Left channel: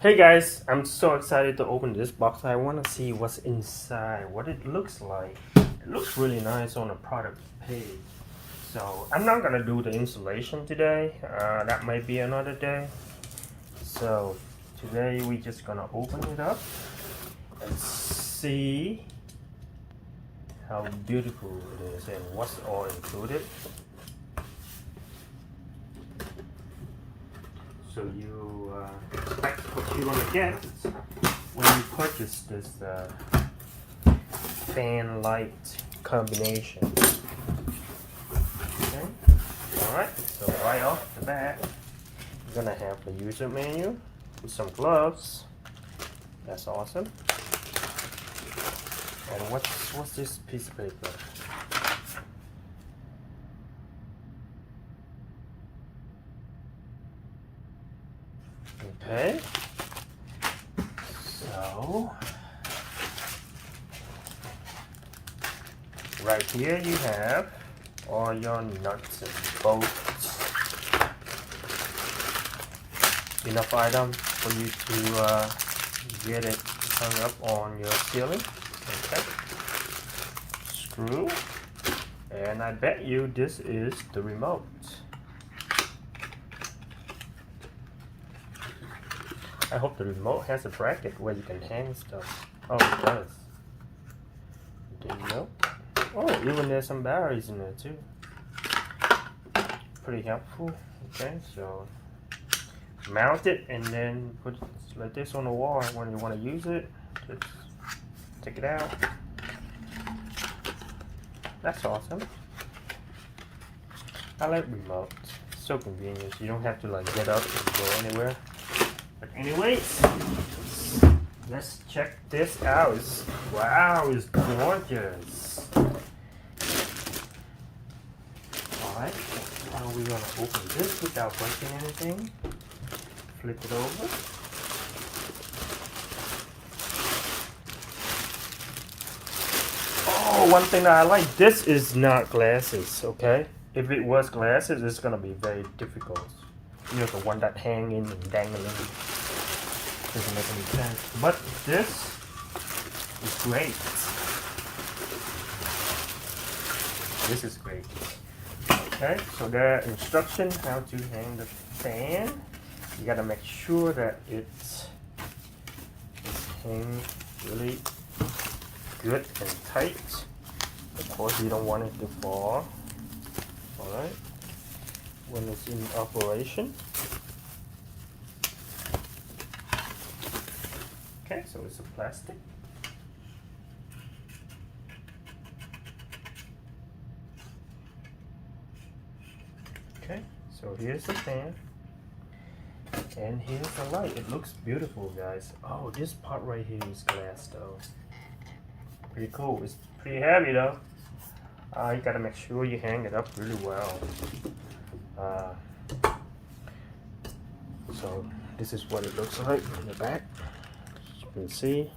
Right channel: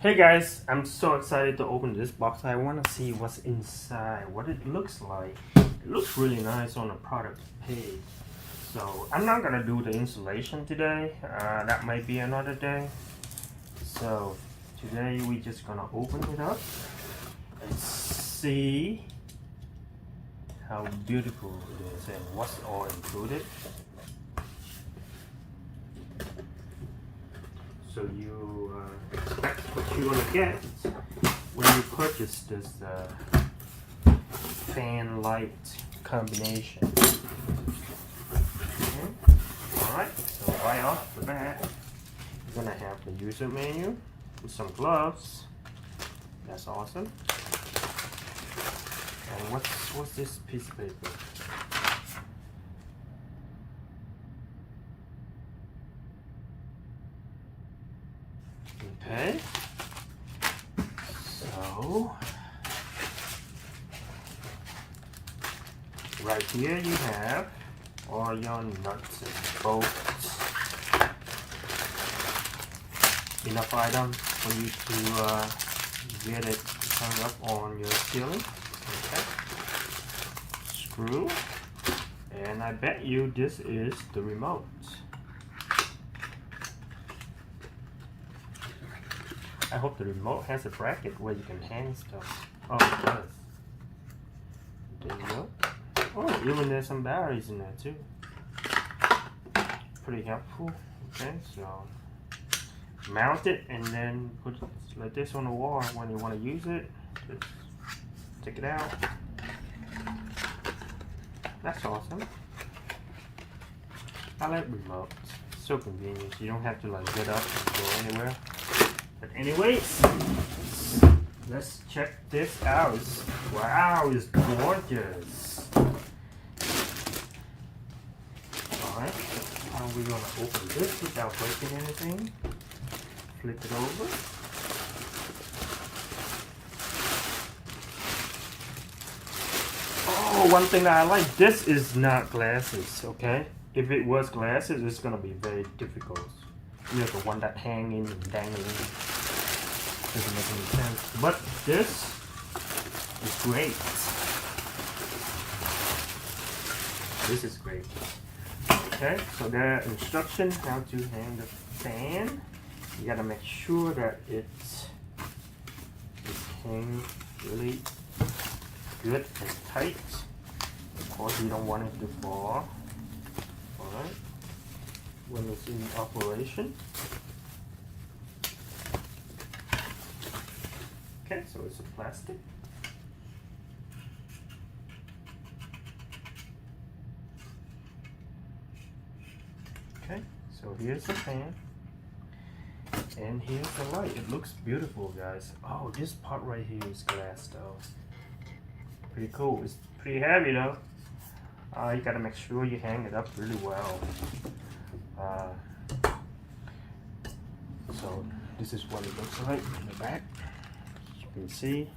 Hey guys, I'm so excited to open this box. I want to see what's inside, what it looks like. It looks really nice on the product page. So I'm not gonna do the installation today. That might be another day. So today we just gonna open it up and see how beautiful it is and what's all included. So you expect what you're gonna get when you purchase this fan light combination. Okay. Alright, so right off the bat, you're gonna have the user menu with some gloves. That's awesome. And what's this piece of paper? Okay, so right here you have all your nuts and bolts. Enough items for you to get it hung up on your ceiling. Okay. Screw, and I bet you this is the remote. I hope the remote has a bracket where you can hang stuff. Oh, it does. There you go. Oh, even there's some batteries in there too. Pretty helpful. Okay, so mount it and then put like this on the wall when you want to use it. Just take it out. That's awesome. I like remotes. So convenient. You don't have to like get up and go anywhere. But anyways, let's check this out. Wow, it's gorgeous. Alright, how are we gonna open this without breaking anything? Flip it over. Oh, one thing I like, this is not glasses, okay? If it was glasses, it's gonna be very difficult. You know, the one that hanging and dangling doesn't make any sense. But this is great. This is great. Okay, so there are instructions how to hang the fan. You gotta make sure that it's hanging really good and tight. Of course, you don't want it to fall. Alright. When it's in operation. Okay, so it's a plastic. Okay, so here's the fan. And here's the light. It looks beautiful, guys. Oh, this part right here is glass though. Pretty cool. It's pretty heavy though. You gotta make sure you hang it up really well. So this is what it looks like in the back. As you can see,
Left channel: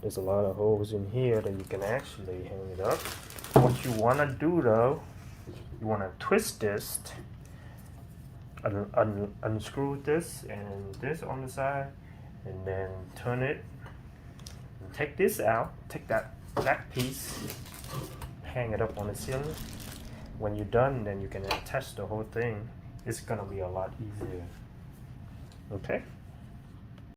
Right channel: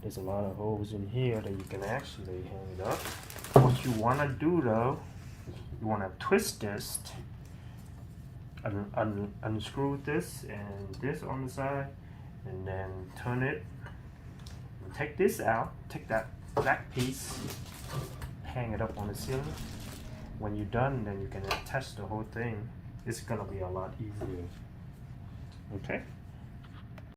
there's a lot of holes in here that you can actually hang it up. What you want to do though, you want to twist this, unscrew this and this on the side, and then turn it and take this out, take that piece, hang it up on the ceiling. When you're done, then you can attach the whole thing. It's gonna be a lot easier. Okay.